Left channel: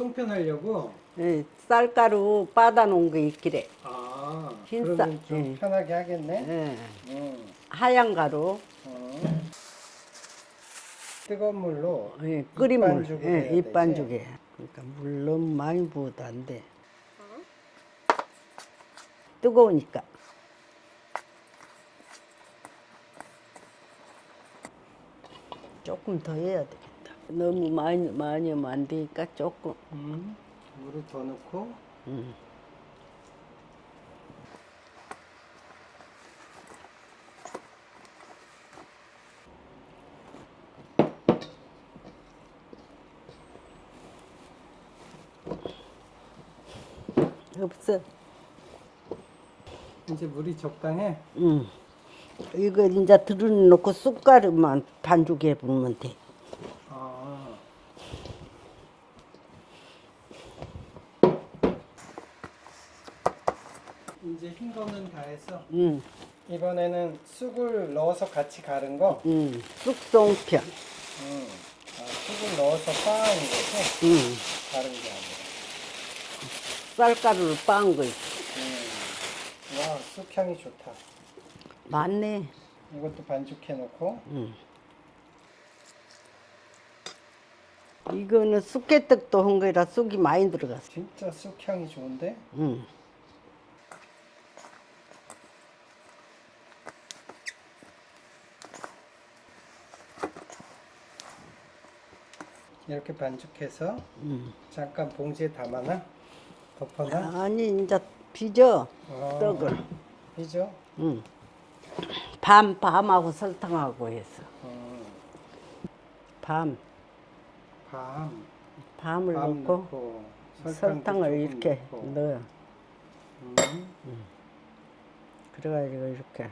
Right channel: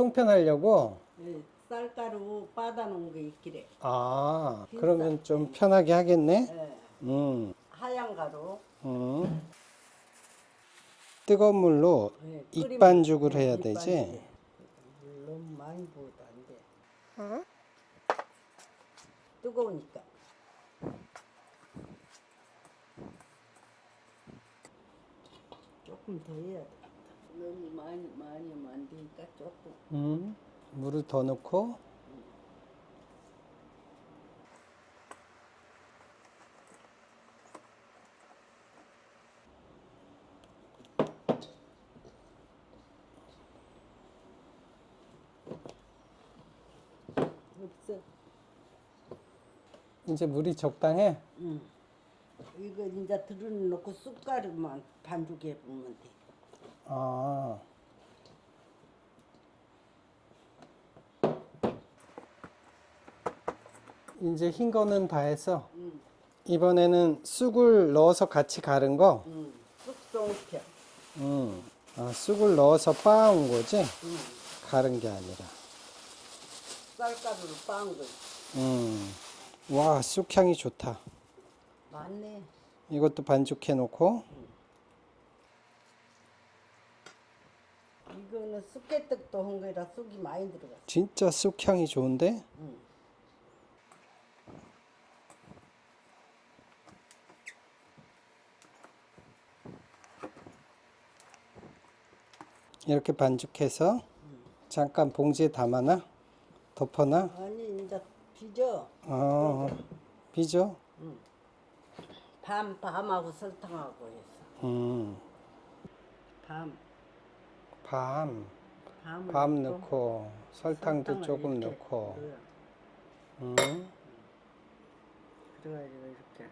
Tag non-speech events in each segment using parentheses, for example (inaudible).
송편하려고. 예, 쌀가루 빠다놓은 거 있기래. 아, 흰 그러면 쌀, 좀 예. 편하게 하겠네. 예, 음, 하얀 가루 음. 뜨거운 물로 예, 입반죽을 예, 해야 되지. 입반죽에. 그러니까 물 너무 많이 부어도 안 돼. 뜨거우니까. 조금 더 해야 되겠다. 너무 많이 많이 하면 안 되니까 조금. 음, 물을 더 넣고 음. 없어. 이제 물이 적당해. 응. 이거 이제 들어놓고 쑥가루만 반죽해 부으면 돼. 아. 이제 흰 거는 다 해서 응, 이번에는 쑥을 넣어서 같이 갈은 거. 응. 쑥송편. 음. 아, 쑥을 넣어서 빻은 거지. 응. 다른 게 아니라. 쌀가루를 빻은 거 있어. 음. 와, 쑥 향이 좋다. 맞네. 이것도 반죽해 놓고. 응. 이거는 쑥개떡도 한 거라 쑥이 많이 들어갔어. 진짜 쑥 향이 좋은데? 응. 이렇게 반죽해서 응. 잠깐 봉지에 담아놔. 덮어놔. 아니 이제 빚어 아, 떡을. 빚어? 응. 밤 밤하고 설탕하고 해서 음. 밤 밤. 밤을 밤 넣고, 넣고 설탕도 조금 이렇게 넣고. 넣어. 음. 그래가지고 이렇게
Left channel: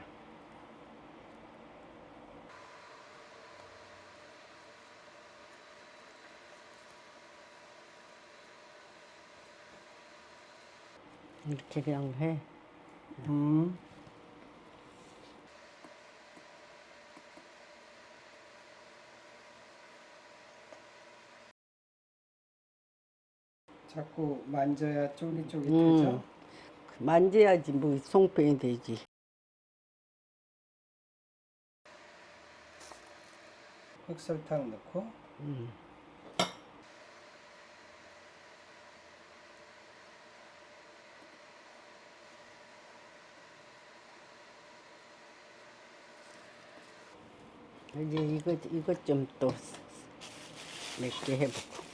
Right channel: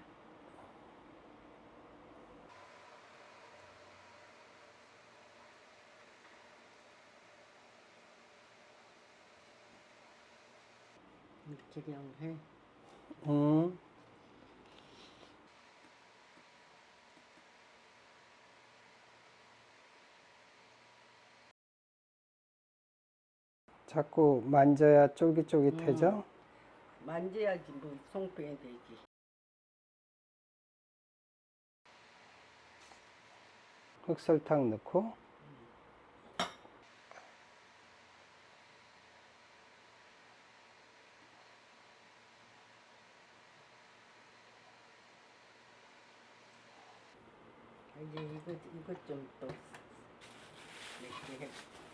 이렇게 그냥 해. 음. 자꾸 만져야 쫄깃쫄깃해져. 음. 만져야지 뭐 송편이 되지. 흑설탕 넣고 음. 이제 이거 이것 좀 또 몇 개 해보고.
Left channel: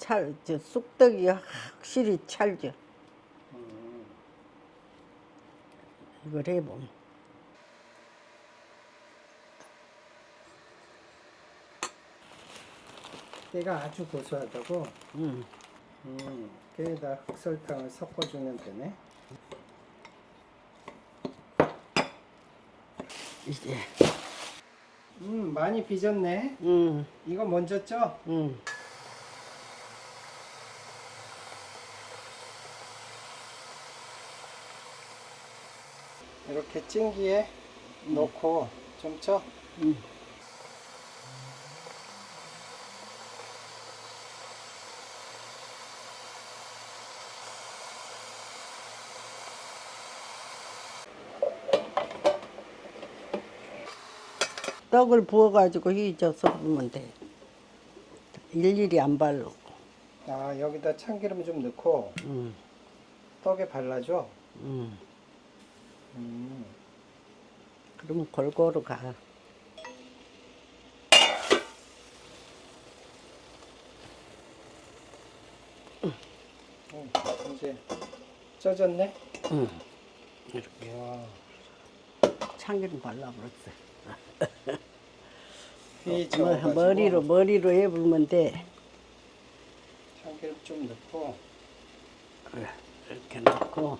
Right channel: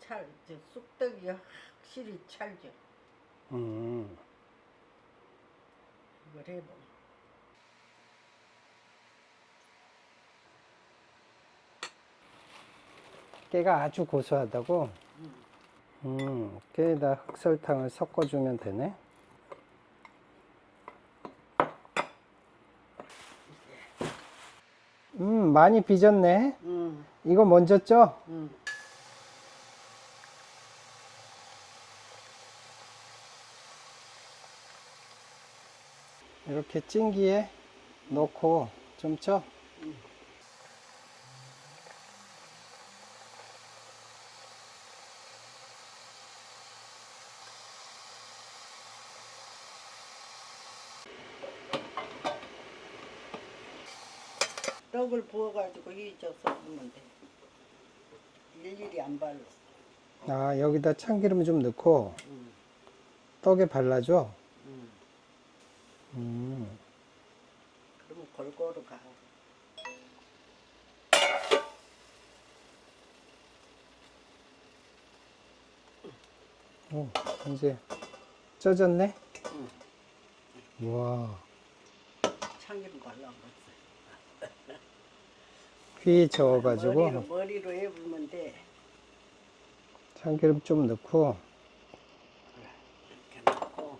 찰, 저 쑥떡이 확실히 찰져. 음. 이걸 해보면. 깨가 아주 고소하다고. 음. 음. 깨에다 흑설탕을 섞어주면 되네. 이제, 음, 많이 빚었네. 음, 이거 먼저 쪄. 음. 이렇게 찜기에 넣고 좀 쪄. 음. 떡을 부어가지고 휘저어서 부으면 돼. 일일이 안 바르고. 아, 여기다 참기름 좀 넣고 음, 떡에 발라줘. 음. 음. 그러면 골고루 가. 오, 이제 쪄졌네. 음. 이렇게 와, 참기름 발라 그랬어. 휘 저어가지고 머리로 머리로 해불면 돼. 참기름 좀 넣고 이렇게 넣고.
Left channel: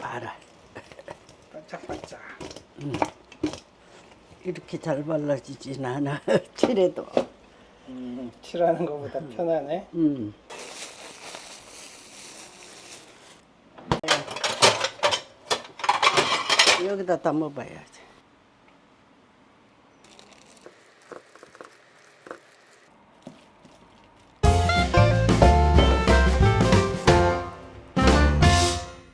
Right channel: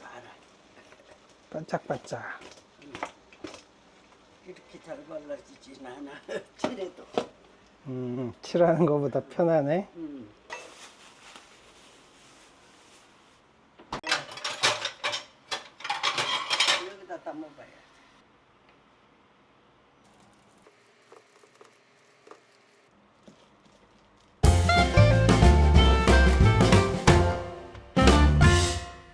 알아. 반짝반짝. 이렇게 잘 발라지진 않아. (laughs) 칠해도. 음, 칠하는 것보다 편하네. 음. 여기다 담아봐야지.